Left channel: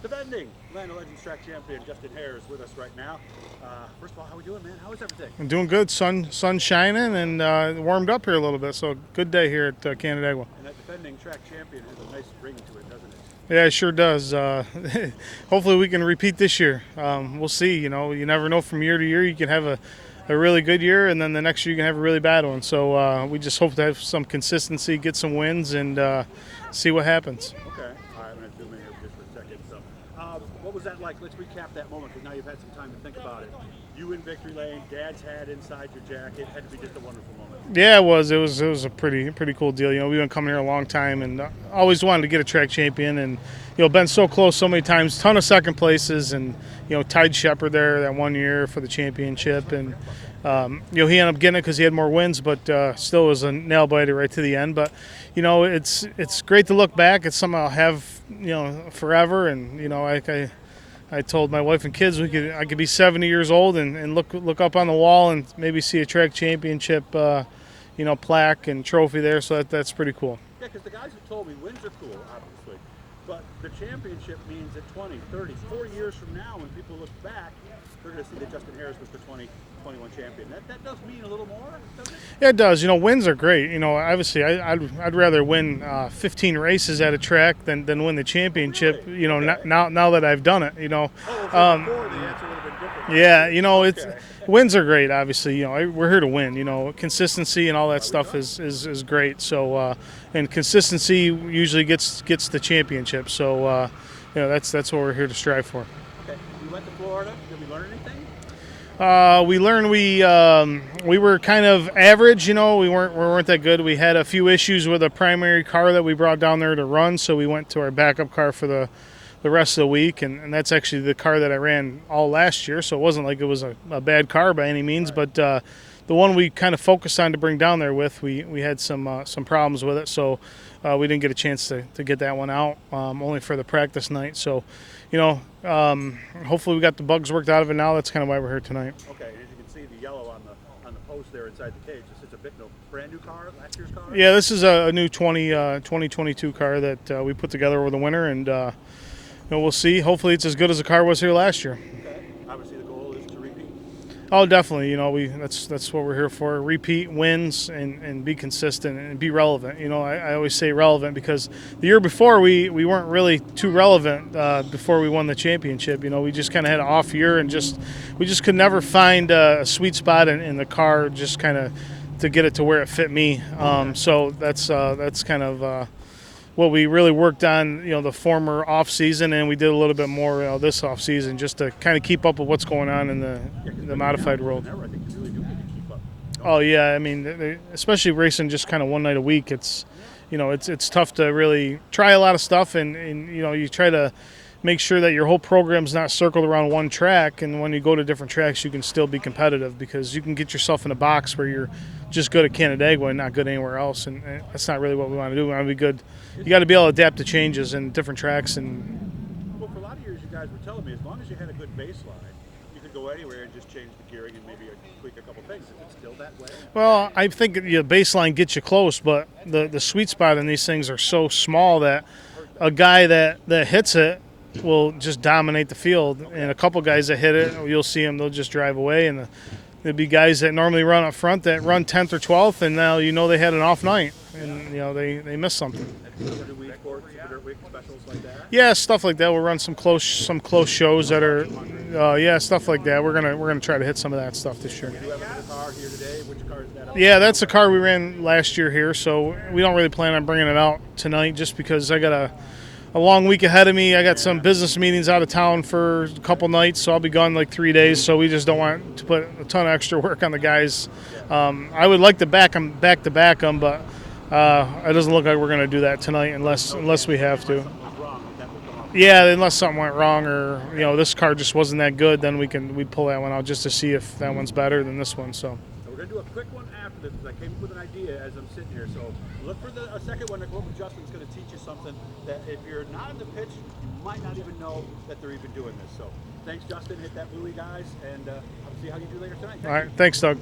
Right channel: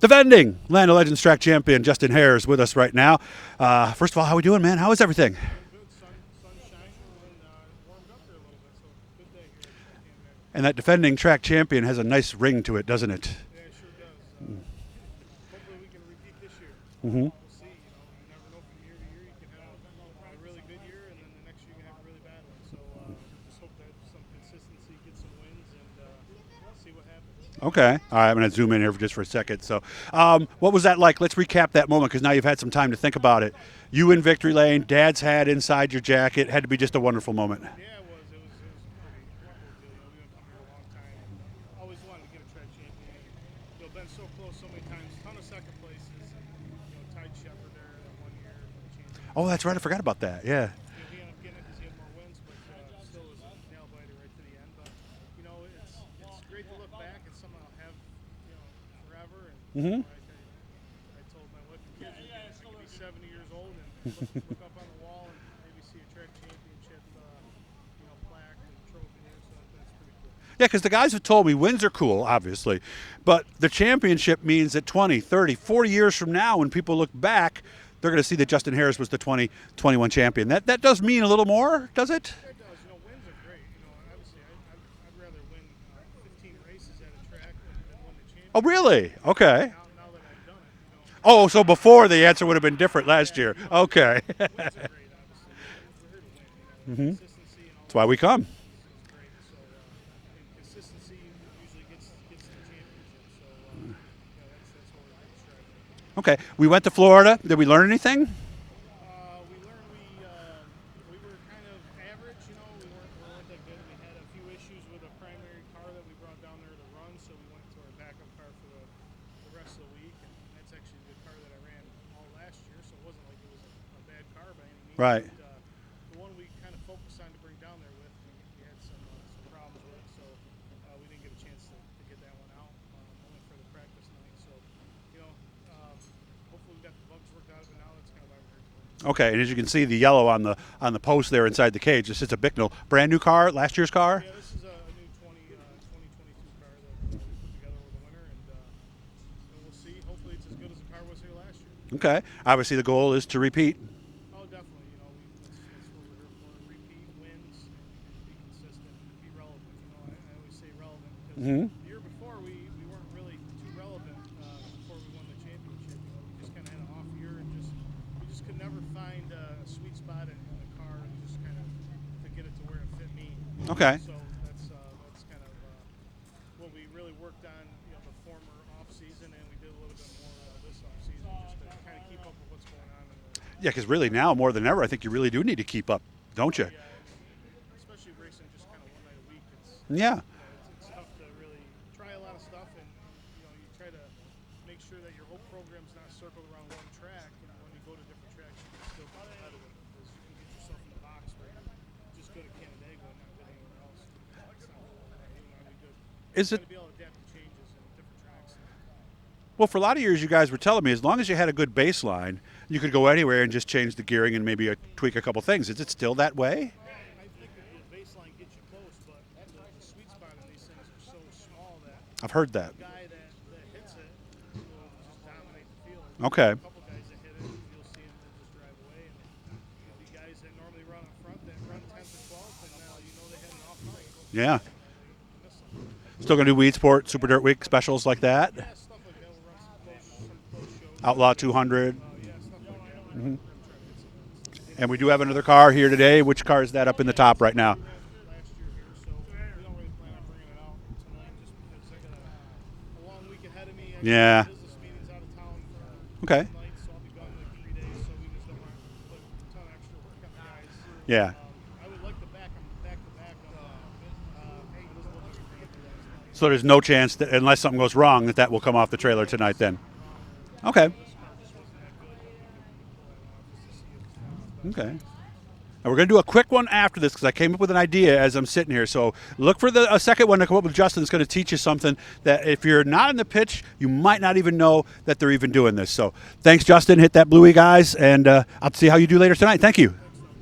Defending Land of Legends track champion Justin Haers with us right now. First of all, how are we doing, man? How is everything? I'm doing good. Sun shining and warmed up here a little bit. So good day here at Canandaigua. And that defending track champion has a nice ring to it, doesn't it? Yeah, it sure does. Hopefully we can repeat this year. We'll see. You know, you never know from year to year. You can have a really good year, and then the next year you can have a really bad one. So we just hope to have some consistency, get some wins, and see what happens. Okay. All right, I'm going to zoom in here just for a second. So what was that like? Let's recap that moment because now you've had some time to think about it. You in victory lane, Dad's hat inside your jacket. Had to be just a wonderful moment. Yeah, it was. It was a pretty cool deal. You know, we've been coming here a long time and always wanted to get a track champion, and you know, been so close so many times. Ton of second places, and you know, tied Shepard there that 1 year for the championship. Oh, that's right. And, I forgot about that. Yeah. You know, he ended up getting it because he had more wins, but still was a nail biter right to the end. But you know, it's great to look back. It's something I'll have, you know, forever. And you know, I told my wife and kids I could be 70 years old and look up on the wall and maybe see a track championship, you know, plaque and trophy there. So that's pretty cool. Yeah, because the guys have told me wins are cool, obviously, but the championship means that 20, 30, 40 years from now, when people look back, they're going to see that Justin Haers was the 2021 champion. That does mean a little more, does it? Yeah, it does. You know, wins are great. You know, obviously, I'd rather win 15 races at a track than win the championship. Oh, really? You know, okay. Now that I've done it, you know. Oh, so before the answer would have been different last year. Yeah, you know, okay. Wins are great. Obviously, you know, we're here to win. You know, consistency and all that stuff is great. So, and consistency usually gets the championship. So, you know, that's what we're here to strive for. Okay, we went to Florida. Did we learn anything? We learned we were kind of average. You know, we weren't that good. We had a few issues with a primary car that we brought down there to run, so we went to our backup car for the rest of the week, and that's actually the car that I ran all last year. So it wasn't like it was a bad car by any means, right. but the one we kind of focused on to bring down there with, we had some problems with it, so we didn't get a chance to get that one out, only for the practice night. So, you know, hopefully we got the bugs worked out of it now. That's kind of why we're here tonight. Okay, and as you can see, the yellow on the post there inside the cage, this is a Bicknell brand new car, last year's car? Yeah, this is a new 2022 car that we put together over the winter, and you know, we'll see. Hopefully it's as good as the car was here last year. Okay, obviously the goal is to repeat. Oh, definitely. You know, that's what we're here for. Repeat wins and be consistent and be relevant. You know, I always say relevant because the year before we weren't really too relevant before we won the championship. You know, we just kind of had an off year and we just could never find a sweet spot in the car just kind of to get it to where it fit me. Okay. So that's kind of what we really worked on, you know, the former off season, and we did a little bit more this off season just to kind of keep up with what's going on in the because really now more than ever, I think you really do need to keep up, don't you? Oh yeah, I mean, especially racing just kind of one night a week. It's you know, it's tough to really try a lot of stuff, and you know, you try to make sure that your whole program's not circled around one track, and when you go to different tracks, you can still be competitive because you can get yourself in a box where you're just good at Canandaigua and not good anywhere else, and that's not really what we want to do. We want to be good. You got to be able to adapt to changes in different tracks. And well, for a lot of years, you guys were telling me as long as you had a good baseline, you could go anywhere and just change the gearing and maybe tweak a couple things. Is it still that way? Well, I think your baseline gets you close, but the sweet spot in these things are so small that I've heard that a guy that hits it will just dominate the field. Okay. And a couple guys that hit it, you'll see them, they'll just drive away, and there'd be guys that normally run up front that run 10th or 12th, and now you know they had an off night. Yeah. And, you know, they missed something. Still gonna do Weed Sport, Super Dirt Week specials like that? Yeah, stuff like that. We'll run some close shows. Outlaw that are 200. Yeah, stuff like that. We're gonna try to hit some of that stuff this year. And we do have another car here today. Which car is that up in the Yeah, top that's the right car now? we ran last year here, so we don't really plan on bringing it out tonight just because I got a long week ahead of me. I got some business meetings out of town for a couple nights, so I'll be gone like 3 days, so we just don't want to put a ton of extra work on the guys. Yeah. I would like to back them, but it doesn't look like we're going to do that tonight. So there's no chance, unless something goes wrong, that will come off the trailer tonight, unless something went wrong or you know, this car just wasn't that good, then we'd pull that one out just to see if that one's better than this one. So. And we're going to do a quick one after this because I came up with an idea as I'm sitting here. So look for a second one to come up with Justin. That's going to teach you something that if you're not in the pitch, you might not even know that they're even doing this. So thanks, Justin. Hit that bluey, guys, and I'll see how you do later tonight. Thank you. Thanks, Doug.